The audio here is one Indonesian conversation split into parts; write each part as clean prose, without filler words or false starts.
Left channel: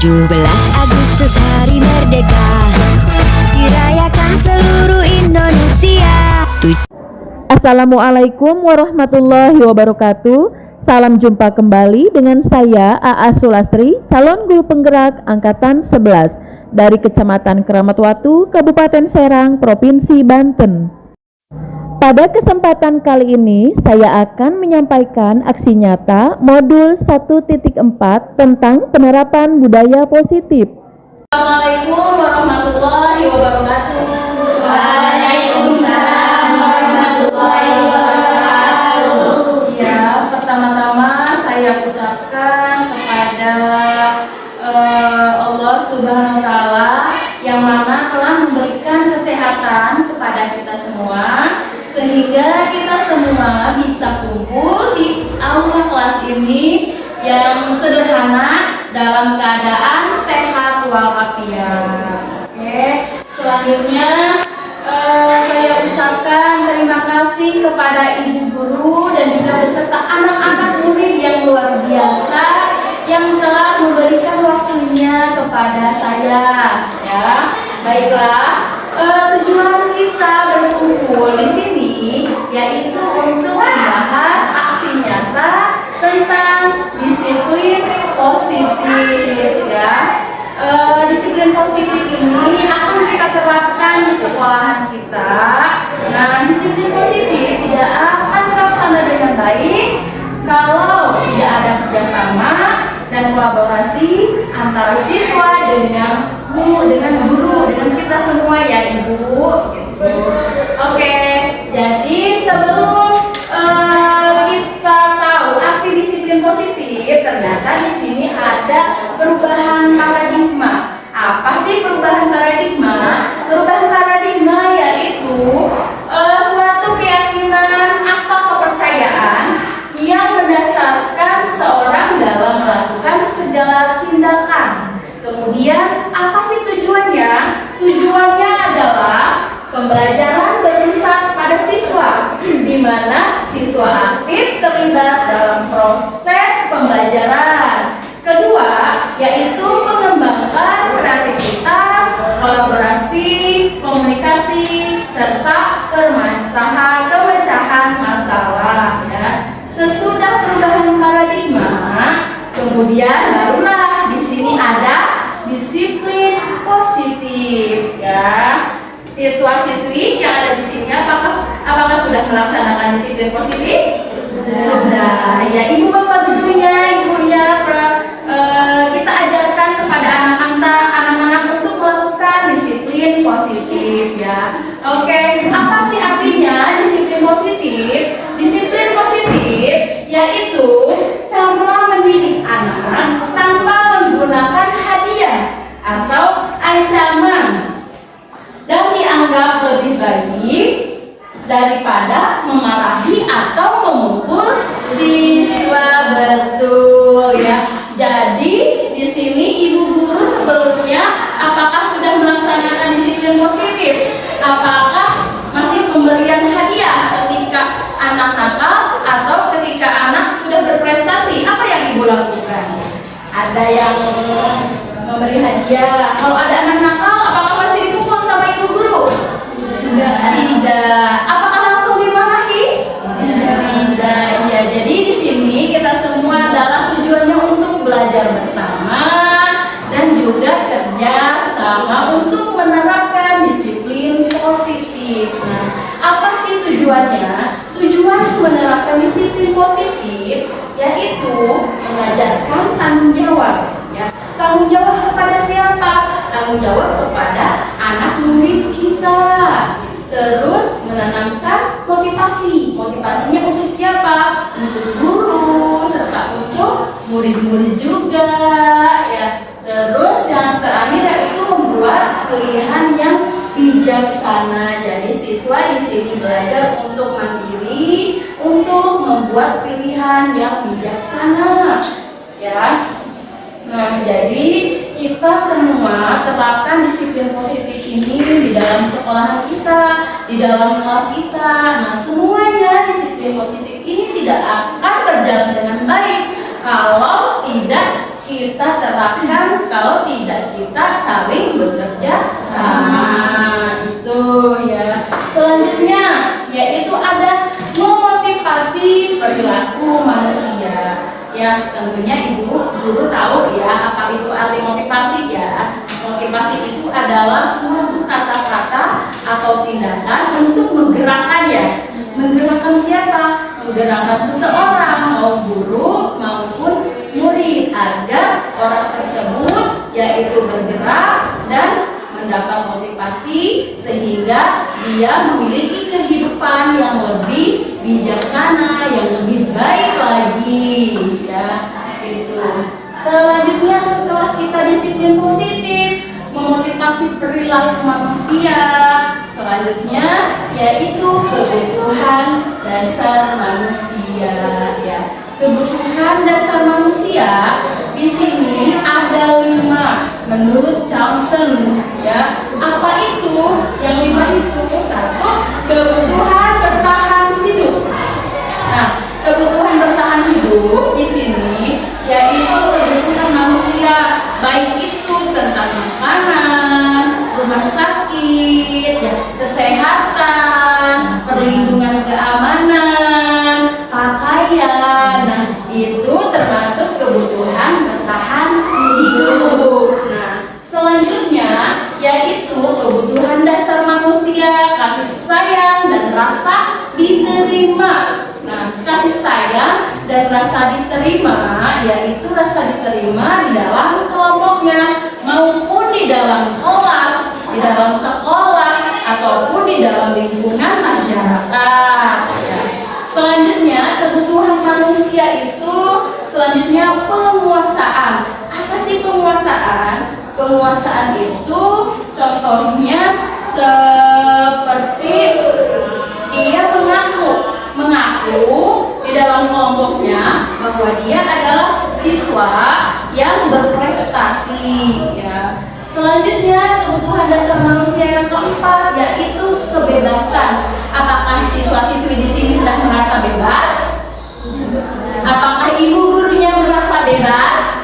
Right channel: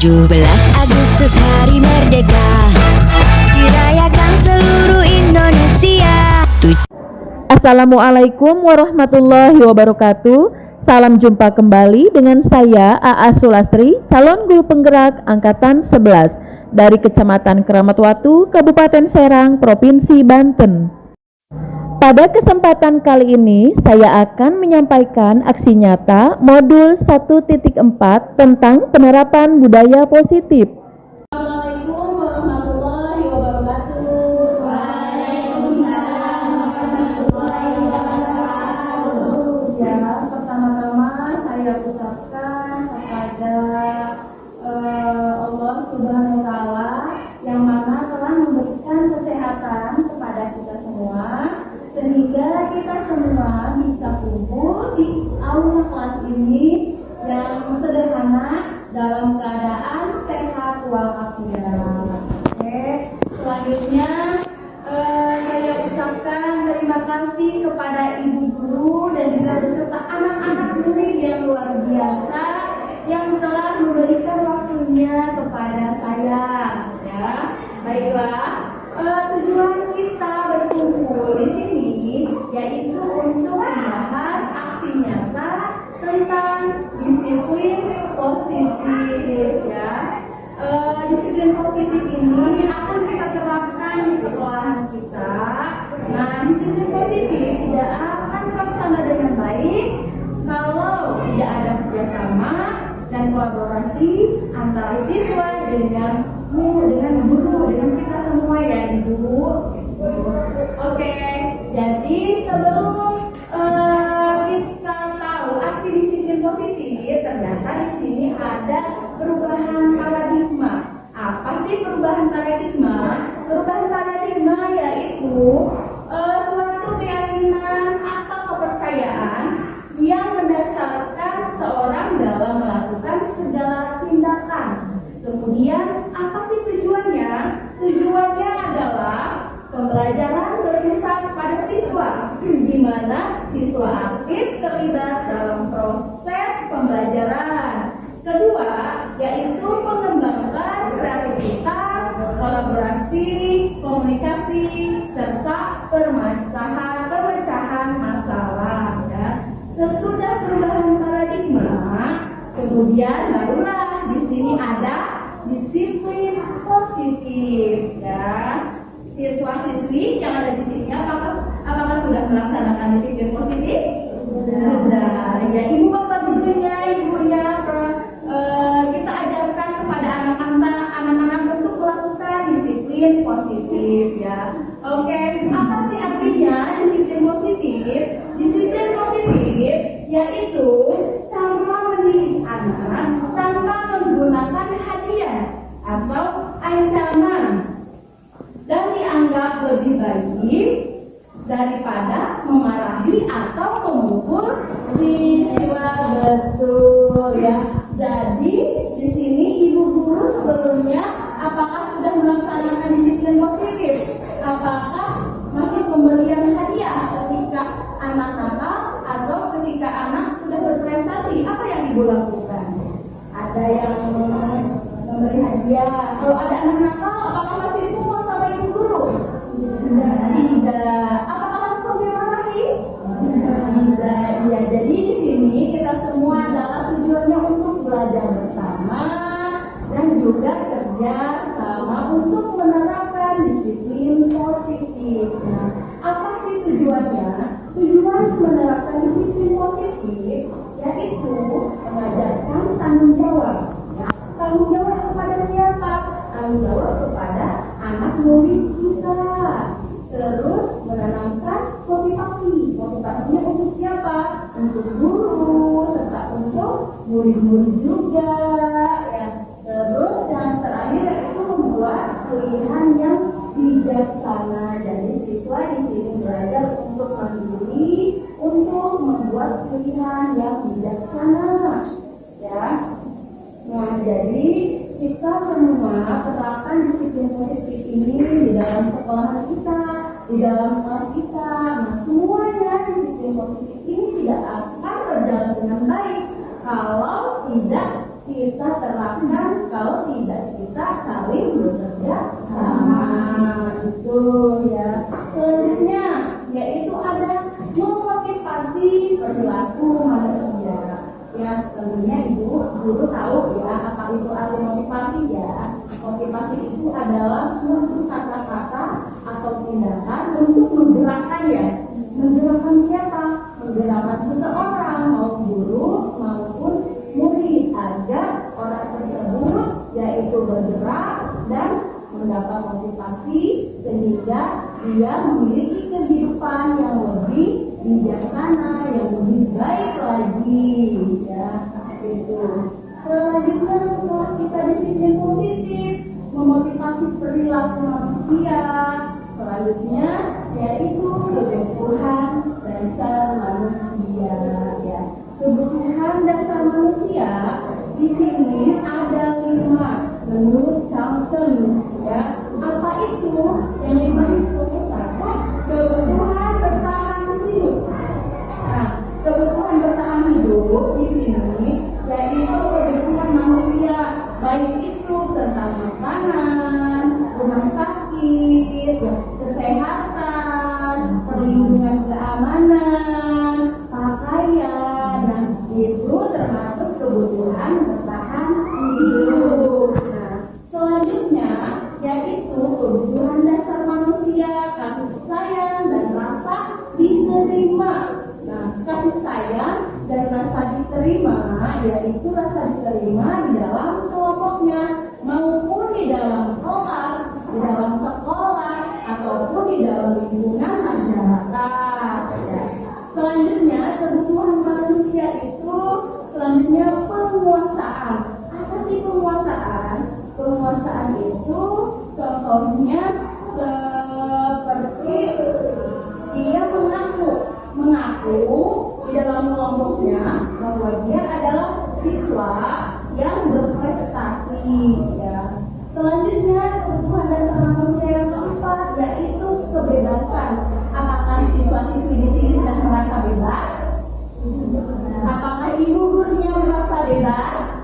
17 Agustus Hari Merdeka dirayakan seluruh Indonesia. Assalamualaikum warahmatullahi wabarakatuh. Salam jumpa kembali dengan saya A.A. Sulastri, calon guru penggerak angkatan 11 dari Kecamatan Keramatwatu, Kabupaten Serang, Provinsi Banten. Pada kesempatan kali ini, saya akan menyampaikan aksi nyata modul 1.4 tentang penerapan budaya positif. Assalamualaikum warahmatullahi wabarakatuh. Waalaikumsalam warahmatullahi wabarakatuh. Ya, pertama-tama saya ucapkan kepada Allah Subhanahu wa Ta'ala yang mana telah memberikan kesehatan kepada kita semua, sehingga kita semua bisa kumpul di aula kelas ini yang sederhana dalam keadaan sehat walafiat. Oke, selanjutnya saya ucapkan terima kasih kepada ibu guru dan juga beserta anak-anak murid yang luar biasa yang telah memberikan waktunya kepada saya. Ya, baiklah. Tujuan kita berkumpul di sini yaitu untuk membahas aksi nyata tentang disiplin positif. Ya, disiplin positif ini akan kita terapkan di sekolahan kita. Nah, disiplin positif tidak akan terlaksana dengan baik kalau tidak ada kerjasama dan kolaborasi antara siswa dengan guru, dengan kita semua ya Ibu. Gitu. Oke, jadi sebelum kita tahu arti disiplin positif, ternyata di sini ada perubahan paradigma. Apa sih perubahan paradigma? Perubahan paradigma yaitu suatu keyakinan atau kepercayaan yang mendasarkan seseorang dalam melakukan segala tindakan. Kemudian apa sih tujuannya? Tujuannya adalah pembelajaran berpusat pada siswa, di mana siswa aktif terlibat dalam proses pembelajaran. Kedua, yaitu mengembangkan kreativitas, kolaborasi, komunikasi, serta pemecahan masalah. Ya. Sesudah perubahan paradigma, kemudian barulah di sini ada disiplin positif. Ya, siswa-siswi yang ada di sini apakah sudah melaksanakan disiplin positif? Sudah. Ya, ibu bapak gurunya, kita ajarkan kepada anak-anak untuk melakukan disiplin positif. Ya, oke. Apa sih artinya disiplin positif? Disiplin positif yaitu cara mendidik anak tanpa menggunakan hadiah atau ancaman dan dianggap lebih baik daripada memarahi atau memukul siswa. Betul ya. Jadi di sini ibu guru sebelumnya apakah sudah melaksanakan disiplin positif? Apakah masih pemberian hadiah ketika anak nakal atau ketika anak sudah berprestasi? Apa yang ibu lakukan? Ada yang memberi hadiah. Kalau ada anak nakal, apakah masih dipukul sama ibu guru? Tidak. Apakah langsung dimarahi? Tidak. Ya, jadi di sini kita semua adalah tujuannya untuk belajar bersama dan juga kerja sama untuk menerapkan disiplin positif. Nah, apa sih tujuannya? Tujuan menerapkan disiplin positif yaitu mengajarkan tanggung jawab. Ya. Tanggung jawab kepada siapa? Tanggung jawab kepada anak murid kita. Terus menanamkan motivasi. Motivasinya untuk siapa? Untuk guru serta untuk murid-murid juga. Ya. Terus yang terakhir yaitu membuat pilihan yang bijaksana. Jadi siswa di sini belajar untuk mandiri, untuk membuat pilihan yang bijaksana. Ya. Nah, jadi kita semua terapkan disiplin positif ini di dalam sekolah kita, di dalam kelas kita. Nah, semuanya disiplin positif ini tidak akan berjalan dengan baik kalau tidak kita kita terapkan kalau tidak kita saling bekerja sama. Itu ya. Selanjutnya yaitu ada memotivasi perilaku manusia. Ya, tentunya ibu guru tahu ya apa itu arti motivasi ya. Motivasi itu adalah suatu kata-kata atau tindakan untuk menggerakkan ya. Menggerakkan siapa? Menggerakkan seseorang, mau guru maupun murid, agar orang tersebut yaitu bergerak dan mendapat motivasi sehingga dia memiliki kehidupan yang lebih bijaksana, yang lebih baik lagi ya. Itu. Selanjutnya setelah kita disiplin positif, memotivasi perilaku manusia, selanjutnya yaitu kebutuhan dasar manusia ya. Kebutuhan dasar manusia di sini ada 5 menurut Johnson ya. Apa itu? Yang 5 itu satu, kebutuhan bertahan hidup. Nah, kebutuhan bertahan hidup di sini yaitu kebutuhan manusia, baik itu tentang makanan, rumah sakit, ya, kesehatan, perlindungan keamanan, pakaian. Nah, itu termasuk kebutuhan bertahan hidup. Nah, selanjutnya yaitu kebutuhan dasar manusia, kasih sayang dan rasa diterima. Nah, kasih sayang dan rasa diterima yaitu rasa diterima di dalam kelompoknya maupun di dalam kelas, di dalam sekolah ataupun di dalam lingkungan masyarakat ya. Selanjutnya kebutuhan manusia itu selanjutnya penguasaan. Apa sih penguasaan? Penguasaan itu contohnya seperti dia mengaku di dalam kelompoknya bahwa dia adalah siswa yang berprestasi ya. Selanjutnya kebutuhan dasar manusia yang keempat yaitu kebebasan. Apakah siswa-siswi di sini sudah merasa bebas? Apakah ibu gurunya merasa bebas?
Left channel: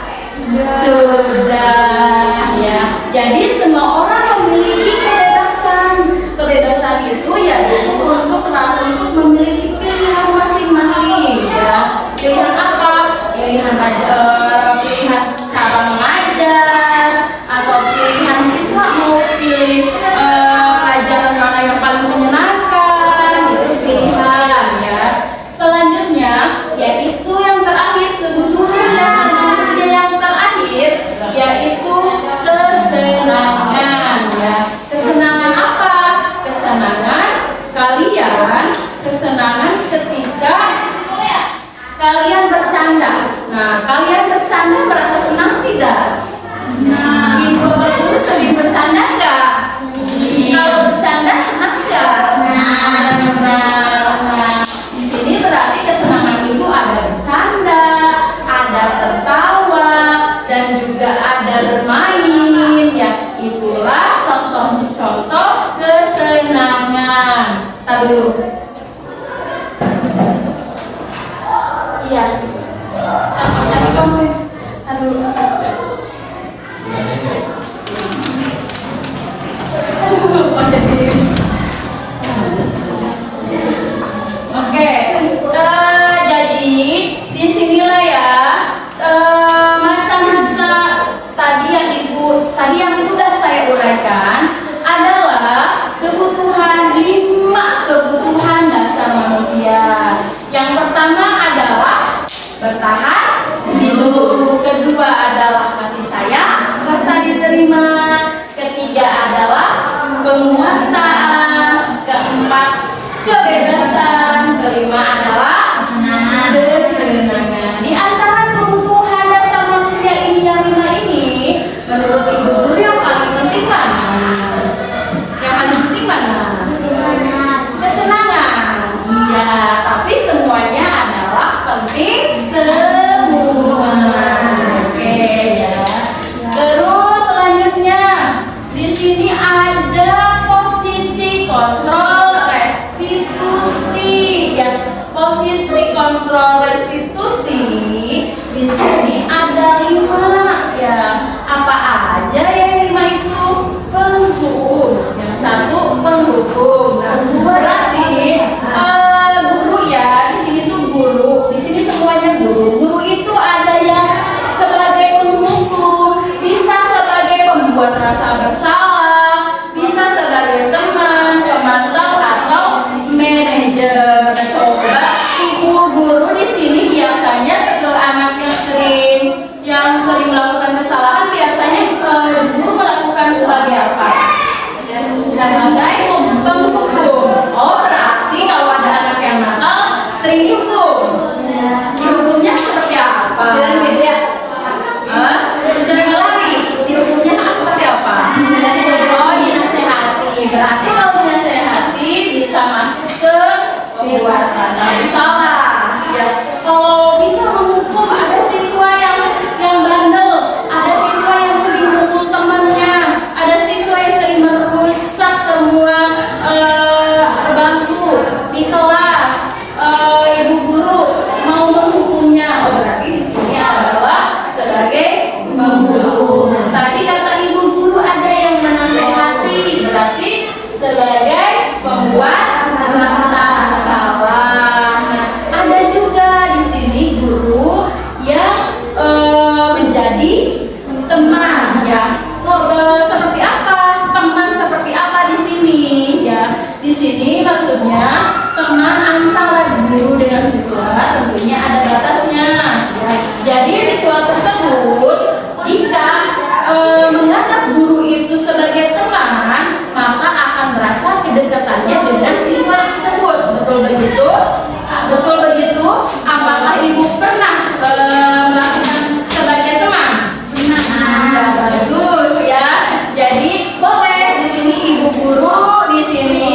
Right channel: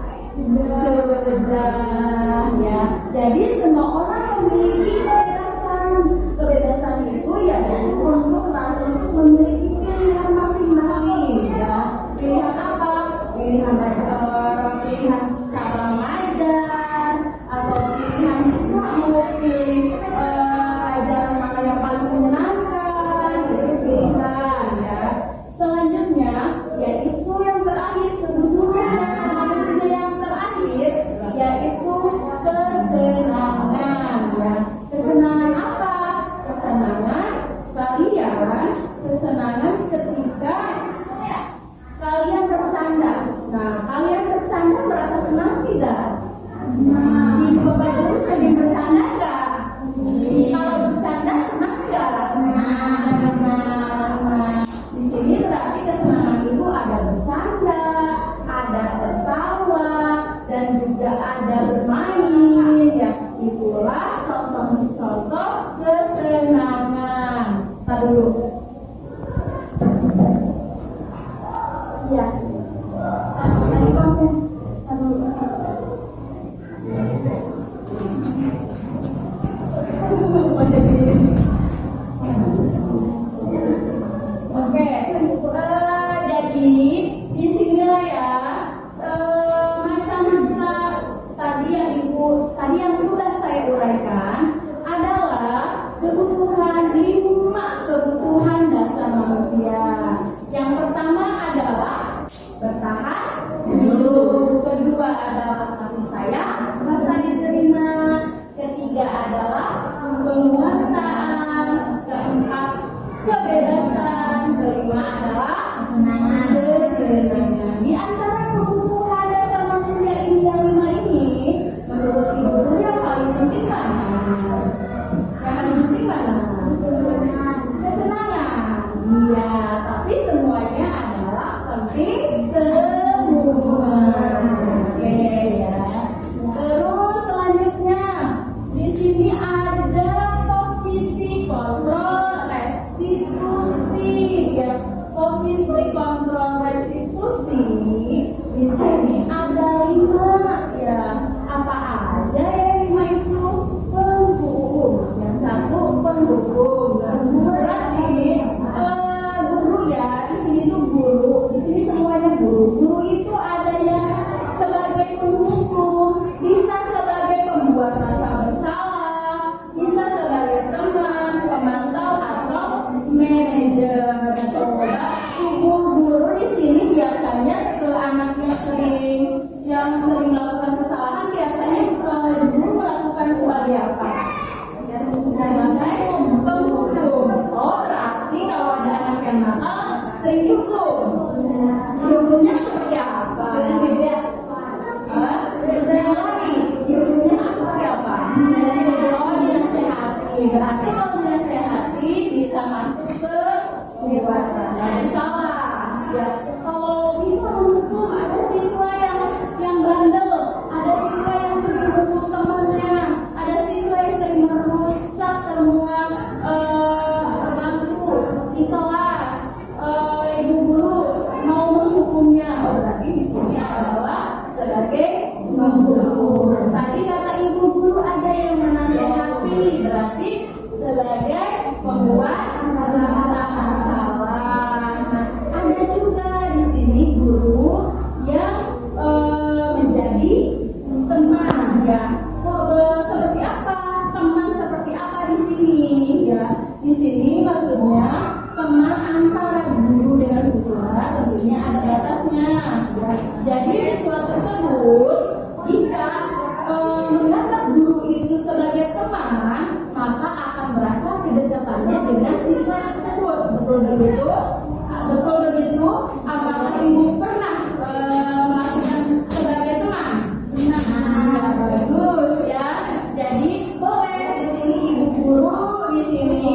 Sudah ya. Jadi semua orang memiliki kebebasan. Kebebasan itu yaitu untuk memiliki pilihan masing-masing ya. Pilihan apa? Pilihan cara mengajar atau pilihan siswa mau pilih pelajaran mana yang paling menyenangkan, itu pilihan ya. Selanjutnya yaitu yang terakhir, kebutuhan dasar manusia yang terakhir yaitu kesenangan ya. Kesenangan apa? Kesenangan kalian, kesenangan ketika kalian bercanda. Nah, kalian bercanda merasa senang tidak? Nah, ibu bapak guru sering bercanda enggak? Kalau bercanda senang enggak? Nah, di sini berarti kesenangan itu ada bercanda, ada tertawa, dan juga ada bermain ya. Itulah contoh-contoh kesenangan. Tar dulu. Iya. Tadi komplit. Aduh. Oke. Jadi disinilah ya masa-masa tadi yang sudah saya uraikan adalah kebutuhan 5 kebutuhan dasar manusia. Yang pertama adalah bertahan hidup, kedua adalah kasih sayang, rasa diterima, ketiga adalah penguasaan, keempat kebebasan, kelima adalah kesenangan. Di antara kebutuhan dasar manusia ini yang 5 ini, menurut ibu guru yang paling penting mana? Yang paling penting mana? Kesenangan. Iya, tapi semuanya adalah penting semua. Oke ya. Terus selanjutnya di sini ada posisi kontrol restitusi ya. Posisi kontrol restitusi di sini ada 5 bertanya dengan siswa tersebut. Betul begitu? Betul begitu? Apakah ibu pernah melakukan sebagai teman? Nah, bagus ya. Jadi boleh di sini ibu guru di sini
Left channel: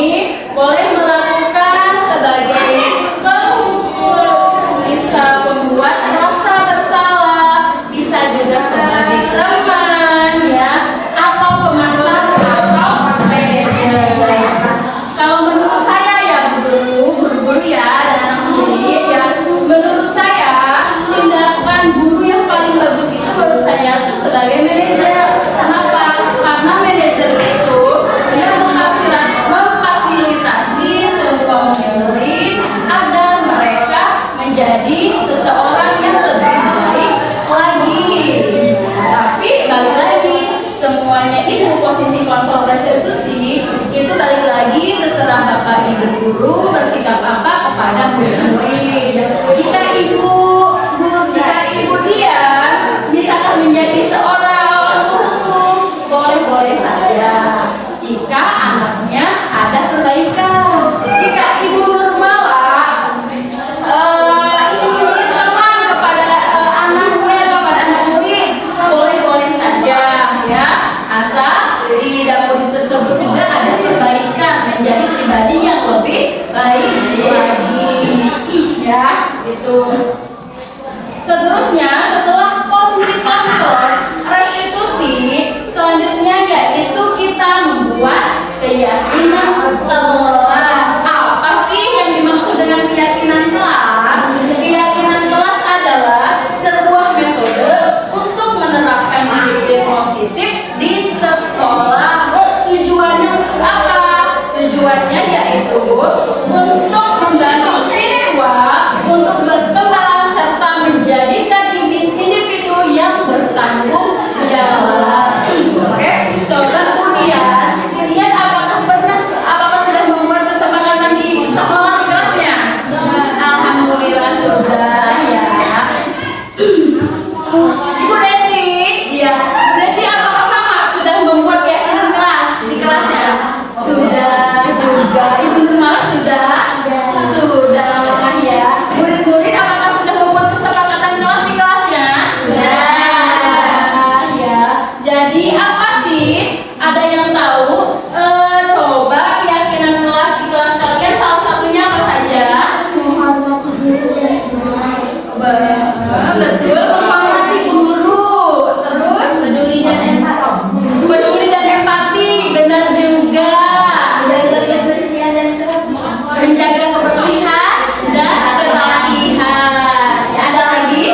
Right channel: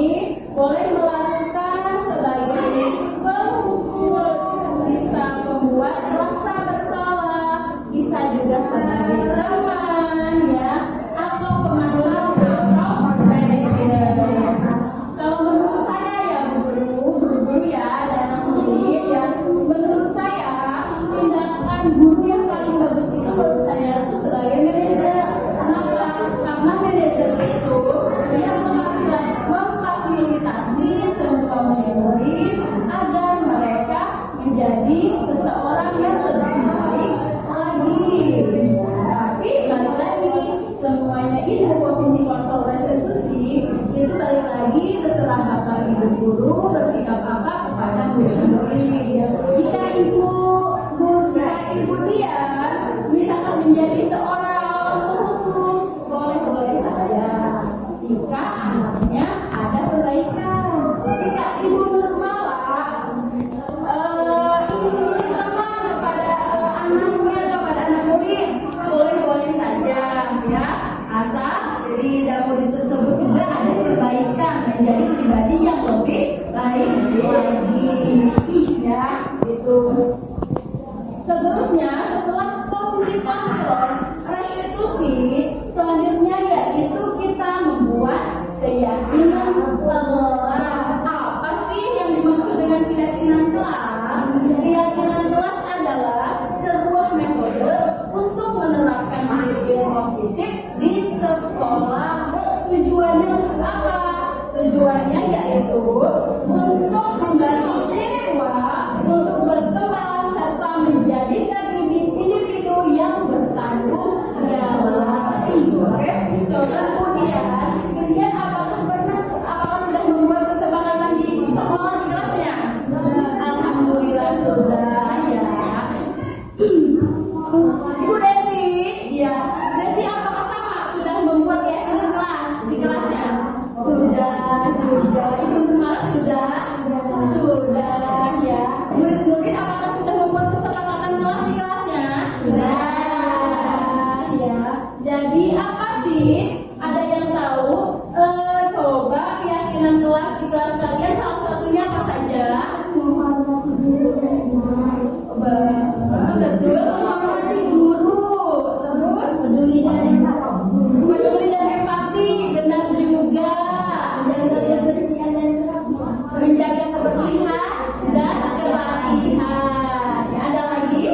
boleh melakukan sebagai pengurus, bisa membuat rasa bersalah, bisa juga sebagai teman ya, atau pemantar atau manajer. Kalau menurut saya ya guru-guru ya dan anak murid ya, menurut saya tindakan guru yang paling bagus itu menurut saya itu sebagai manajer. Kenapa? Karena manajer itu dia memfasilitasi semua murid agar mereka menjadi seseorang yang lebih baik lagi. Tapi balik lagi, semuanya itu posisi kontrol restitusi itu balik lagi terserah bapak ibu guru bersikap apa kepada murid. Jika ibu dia bisa menjadi seorang orang hukum, boleh-boleh saja. Jika anaknya ada perbaikan, jika ibu bermalah ini teman kepada anaknya, kepada anak murid, boleh-boleh saja ya. Asal di dapur tersebut juga ada perbaikan menjadi pribadi yang lebih baik lagi ya, gitu. Seterusnya, setelah posisi kontrol restitusi, selanjutnya yaitu kita membuat keyakinan kelas. Apa sih yang dimaksud dengan keyakinan kelas? Keyakinan kelas adalah sebuah metode untuk menerapkan disiplin positif di sekolah. Tujuannya untuk apa? Tujuannya yaitu untuk membantu siswa untuk berkembang serta menjadikan individu yang bertanggung jawab. Oke, coba kemudian apakah sudah membuat kesepakatan di sekolah di kelasnya? Alhamdulillah sudah ya. Ibu Desi, ya. Ibu Desi apakah sama sudah membuat keyakinan kelas di kelasnya? Sudah juga. Ibu Nurmala sudah ya. Murid-murid apakah sudah membuat kesepakatan kelas di kelasnya? Sudah ya. Jadi apa sih? Ada yang tahu? Coba keyakinan kelas di kelas kalian salah satunya apa saja? Betul, menghormati guru. Terus peduli dan empati, benar juga. Menjaga kebersihan dan kerapihan. Ya, ada lagi?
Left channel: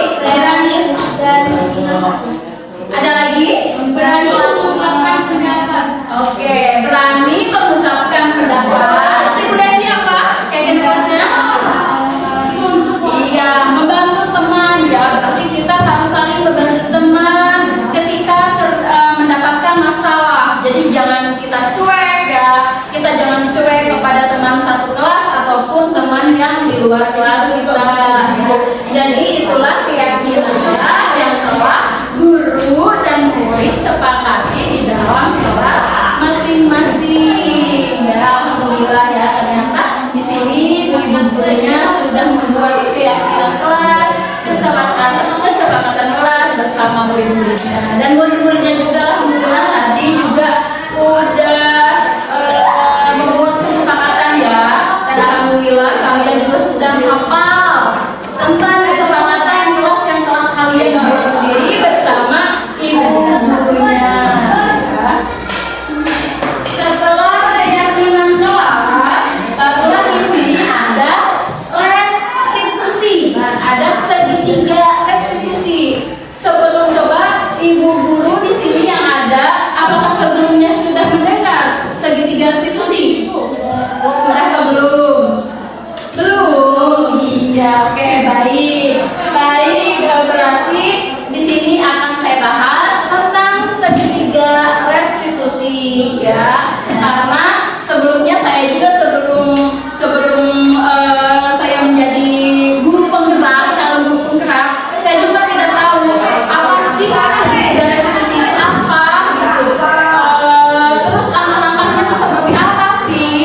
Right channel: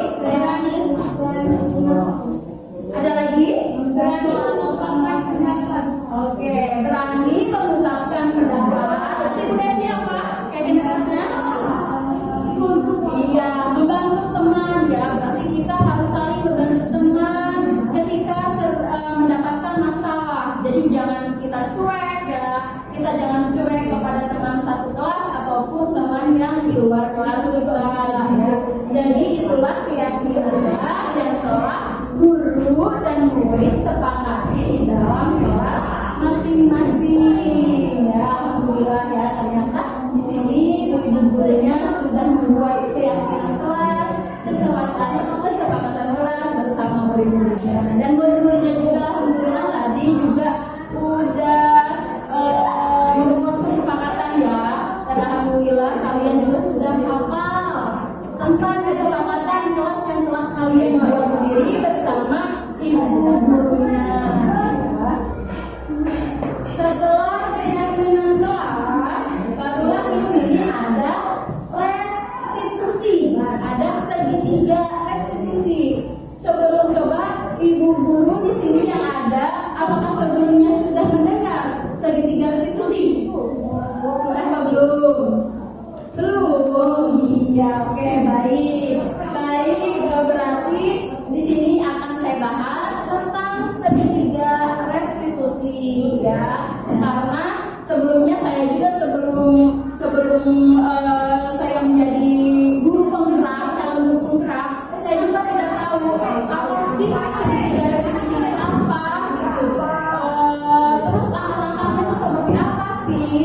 Ada lagi? Berani mengungkapkan pendapat. Oke, berani mengungkapkan pendapat. Ibu Desi apa? Keyakinan kelasnya? Iya, membantu teman ya. Berarti kita harus saling membantu teman ketika mendapatkan masalah. Jadi jangan kita cuek ya. Kita jangan cuek kepada teman satu kelas ataupun teman yang di luar kelas kita ya. Jadi itulah keyakinan kelas yang telah guru dan murid sepakati di dalam kelas masing-masing. Ya, alhamdulillah ya, ternyata di sini ibu gurunya sudah membuat keyakinan kelas, kesepakatan kelas bersama murid-muridnya. Dan murid-muridnya juga alhamdulillah tadi juga udah membuat kesepakatan ya. Dan alhamdulillah kalian juga sudah hafal tentang kesepakatan kelas yang telah kalian buat sendiri bersama ibu gurunya ya. Setelah keyakinan kelas, barulah di sini ada restitusi. Ada segitiga restitusi. Sebelum coba ibu guru di sini yang ada, apakah sebelumnya sudah mendengar segitiga restitusi? Sudah atau belum? Belum. Iya, oke, baik. Berarti di sini akan saya bahas tentang segitiga restitusi ya. Karena sebelumnya saya juga sebelum saya menjadi guru penggerak, calon guru penggerak, saya juga tidak tahu apa sih segitiga restitusi itu apa gitu. Terus langkah-langkahnya itu seperti apa sih?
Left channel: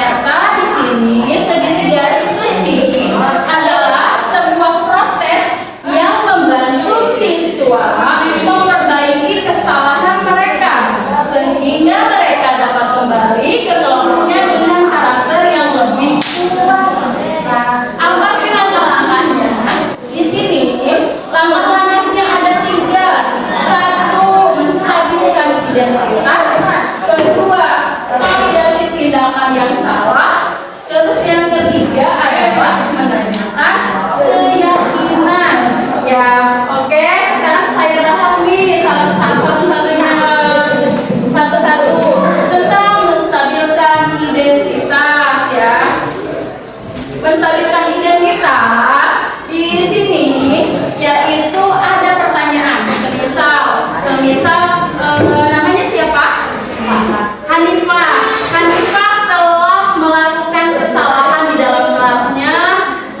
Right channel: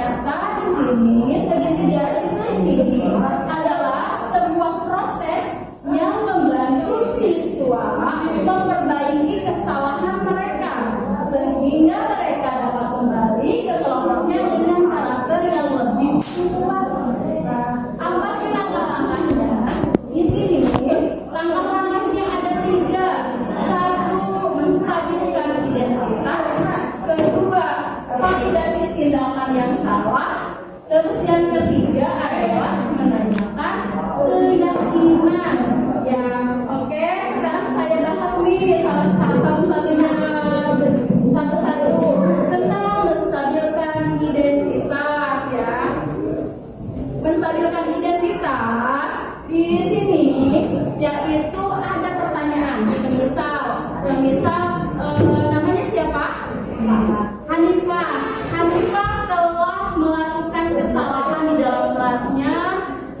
ternyata di sini segitiga itu sih adalah sebuah proses yang membantu siswa memperbaiki kesalahan mereka sehingga mereka dapat kembali ke kelompoknya dengan karakter yang lebih kuat. Nah, apa sih langkah-langkahnya? Di sini langkah-langkahnya ada 3. 1, menstabilkan identitas. Kedua, validasi tindakan yang salah. Terus yang ketiga adalah menanyakan keyakinan. Ya, oke. Sekarang saya bahas nih satu-satunya satu-satu tentang menstabilkan identitas ya. Menstabilkan identitas di sini yaitu ada pertanyaan. Semisal namanya siapa? Hanifah. Hanifah telah melakukan kesalahan di dalam kelasnya.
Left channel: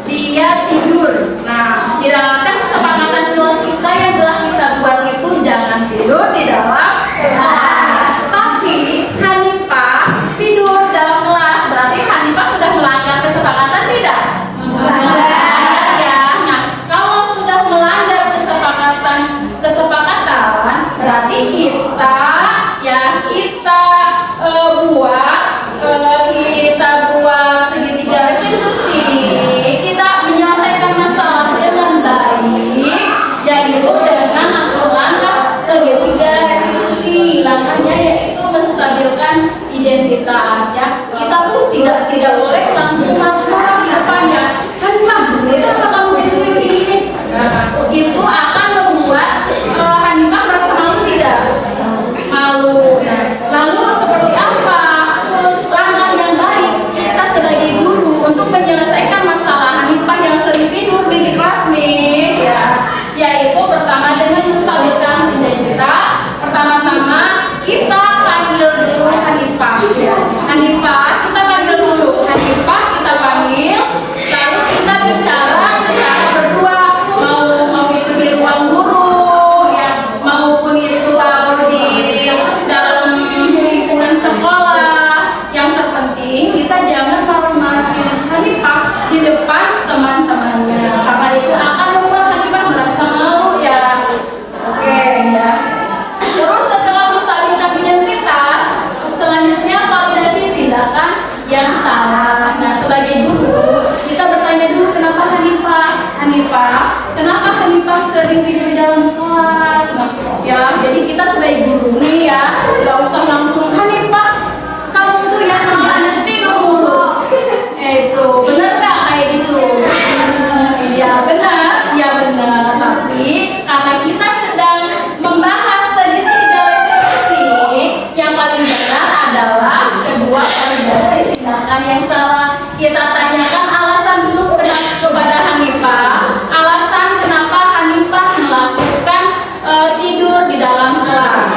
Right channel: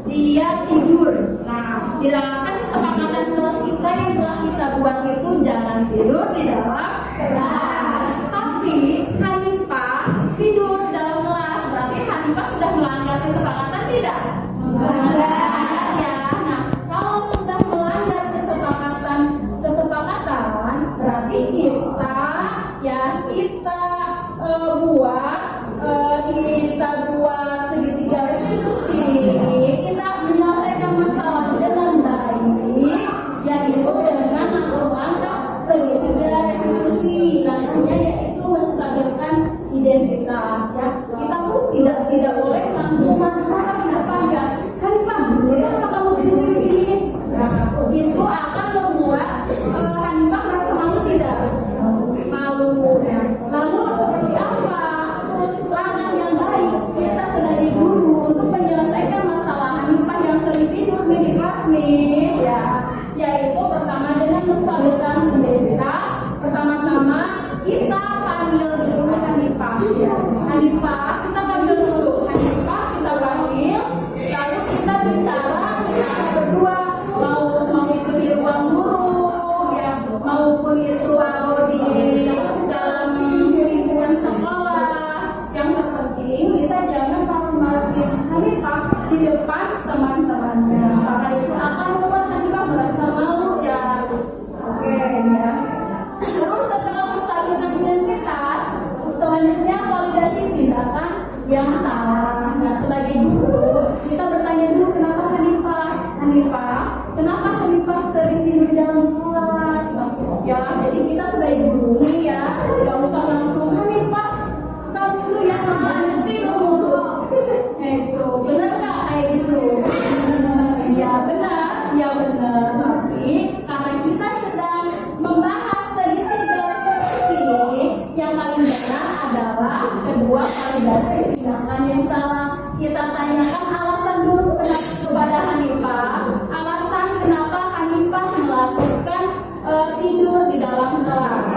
Dia tidur. Nah, di dalam kan kesepakatan kelas kita yang telah kita buat itu jangan tidur di dalam kelas. Tapi Hanifah tidur dalam kelas. Berarti Hanifah sudah melanggar kesepakatan tidak? Melanggar ya. Nah, kalau sudah melanggar kesepakatan berarti kita buat segitiga restitusi. Kita menyelesaikan masalah dengan baik, yaitu dengan langkah segitiga restitusi. Langkahnya yaitu menstabilkan identitas ya. Kita tuh tidak boleh langsung marah di depan ya. Hanifah, kenapa kamu tidur ini? Nah, itu akan membuat Hanifah merasa malu tidak? Malu. Lalu seperti apa langkah yang baik kita sebagai guru untuk menyelesaikan masalah Hanifah yang sering tidur di kelas nih ya? Yaitu pertama dengan menstabilkan identitas. Pertama-tama kita panggil dulu Hanifah ya. Hanifah, kita panggil dulu Hanifah, kita panggil, lalu kita bicara secara berdua, mau itu di ruang guru ya, maupun itu di dalam lingkungan sekolah. Yang terpenting kita jangan marah-marahin Hanifah di depan teman-temannya, karena itu akan membuat Hanifah merasa malu ya. Oke ya. Terus setelah menstabilkan identitas, selanjutnya validasi tindakan yang salah. Nah, sebagai guru kita bertanya dulu kenapa kenapa Hanifah sering tidur di dalam kelas. Nah, ya, jadi kita sebagai guru nih ya, gak usah langsung Hanifah kamu tuh ya kerjaan tidur mulu. Itu benar gak kayak gitu? Ya benar. Tapi karena kita sedang membahas segitiga restitusi, yang paling benar adalah kedua validasi tindakan yang salah. Kita tanyakan alasan dulu kepada Hanifah, alasan kenapa Hanifah melakukan tidur di dalam kelas.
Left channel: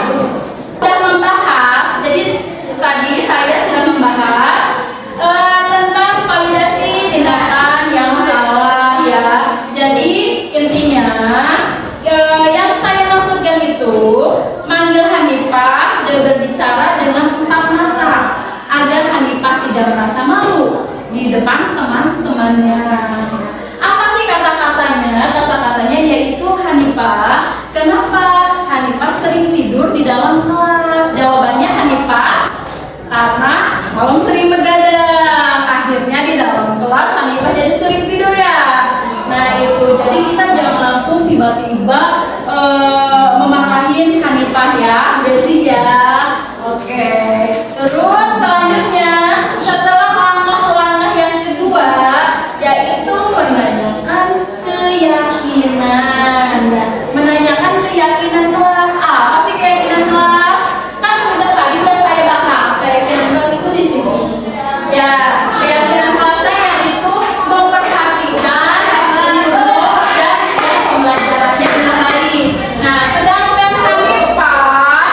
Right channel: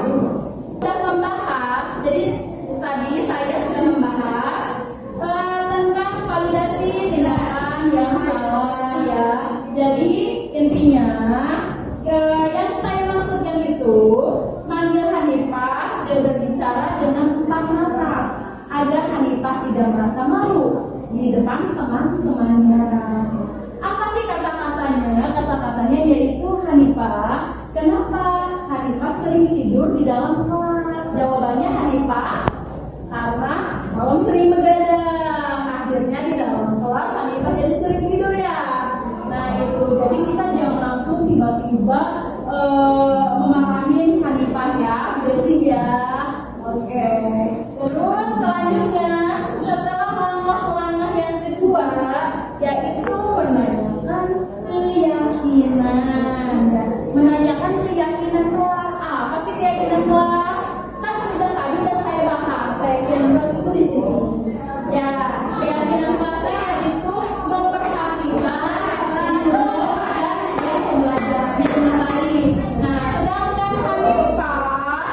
Sudah membahas, jadi tadi saya sudah membahas tentang validasi tindakan yang salah ya. Jadi intinya yang saya maksudkan itu manggil Hanifah dan berbicara dengan empat mata agar Hanifah tidak merasa malu di depan teman-temannya. Apa sih kata-katanya? Kata-katanya yaitu Hanifah, kenapa Hanifah sering tidur di dalam kelas? Jawabannya Hanifah, karena malam sering begadang. Akhirnya di dalam kelas Hanifah jadi sering tidur ya. Nah itu, jadi kita jangan langsung tiba-tiba memarahin Hanifah ya, Desi ya. Oke. Terus selanjutnya setelah langkah-langkah yang kedua yaitu menanyakan keyakinan. Menanyakan keyakinan kelas. Apa sih keyakinan kelas? Kan tadi sudah saya bahas keyakinan kelas itu di sini. Ya, keyakinan kelas saya itu memperhatikan ilmu dan pembelajarannya dengan baik. Nah, sedangkan Hanifah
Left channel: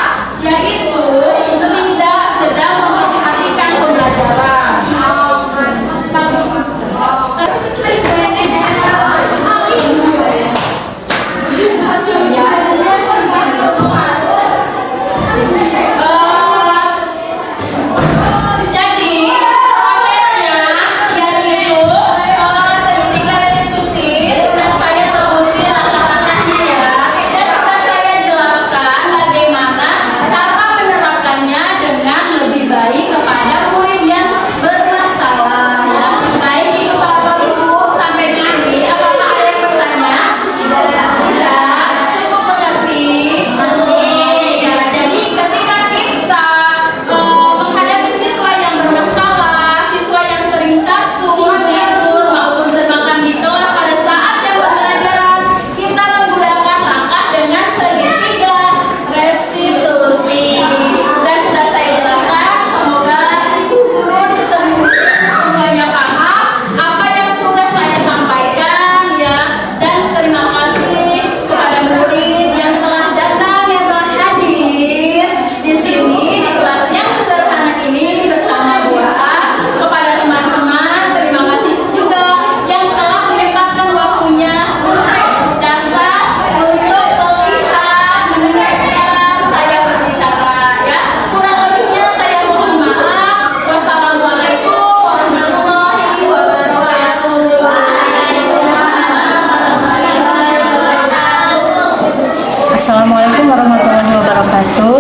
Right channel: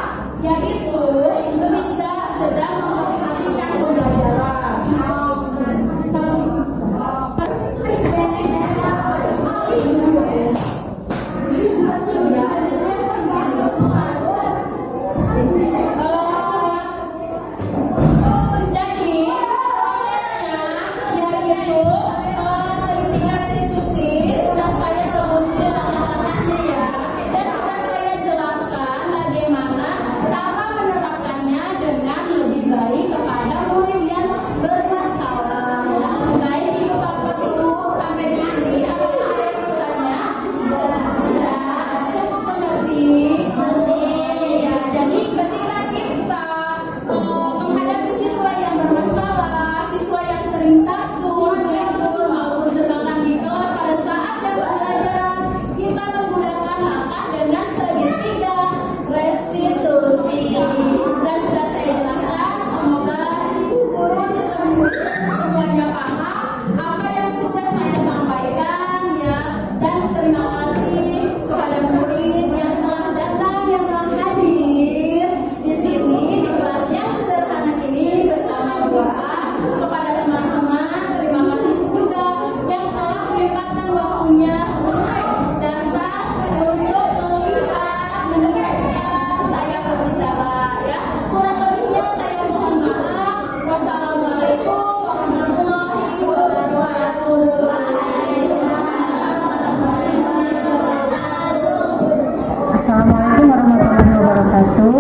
wabarakatuh.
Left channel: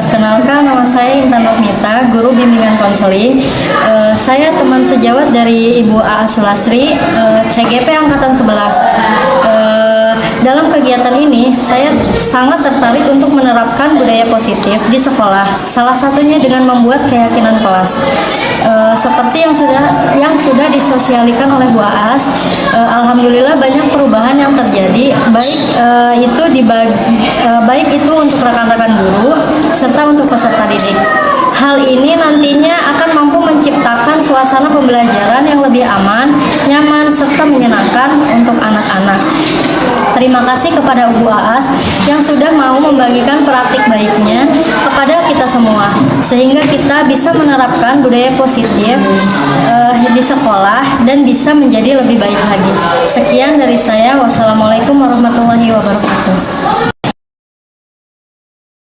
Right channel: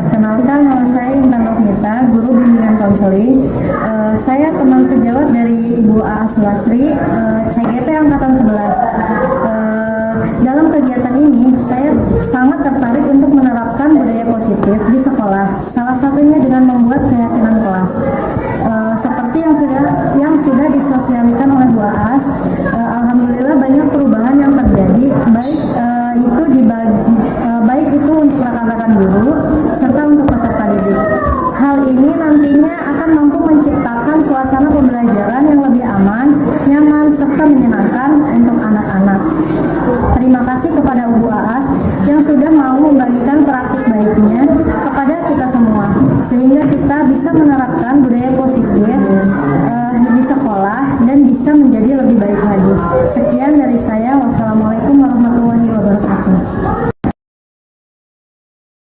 Perkenalkan, nama saya Intan Nurmita, guru bimbingan konseling. Saya teman sejawat dari Ibu A. Sulastri, CGP Angkatan 11. Dalam kegiatan ini, saya sangat tertarik untuk menerapkan budaya positif di sekolah. Salah satunya dengan membuat keyakinan kelas. Seperti yang sudah disosialkan oleh Bu Aas, alhamdulillah banyak perubahan yang terjadi, baik itu untuk rekan-rekan guru serta untuk peserta didik. Hal ini nantinya akan mampu menciptakan suasana pembelajaran yang lebih aman, nyaman, serta menyenangkan untuk anak-anak. Terima kasih kepada Bu Aas yang sudah mau membagikan praktik baiknya kepada kita semua, sehingga kita bisa menerapkan budaya positif di sekolah dan bisa menjadi lebih baik lagi. Sekian dari saya. Wassalamualaikum warahmatullahi wabarakatuh.